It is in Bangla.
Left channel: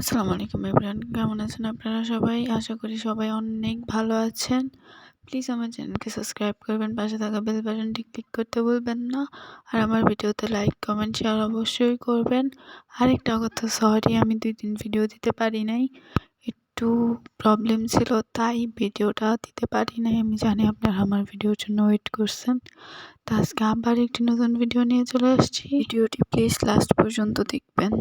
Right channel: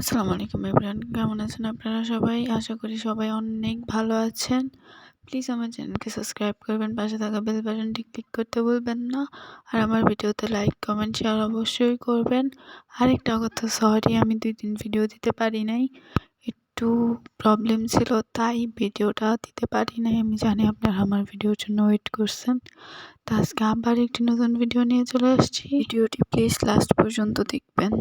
আসসালামু আলাইকুম এভরিওয়ান, কেমন আছেন আপনারা সবাই? আশা করি সবাই অনেক ভালো আছেন। প্লিজ আমার চ্যানেলকে সাবস্ক্রাইব করবেন, পাশে থাকা বেল বাটনটি ক্লিক করতে ভুলবেন না। আর আমার ভিডিওতে লাইক, কমেন্ট, শেয়ার অবশ্যই করবেন। আরেকটা কথা, সরি আমি 2-3 ভিডিও দিতে পারি নাই, একটু প্রবলেম ছিল তাই ভিডিওটা দিতে পারি নাই। আমি জানি আপনারা আমার ভিডিওর জন্য ওয়েট করছেন। তো আজকে আবার একটি নতুন ভিডিও নিয়ে চলে আসছি। ভিডিওটি প্লিজ লাস্ট পর্যন্ত দেখবেন।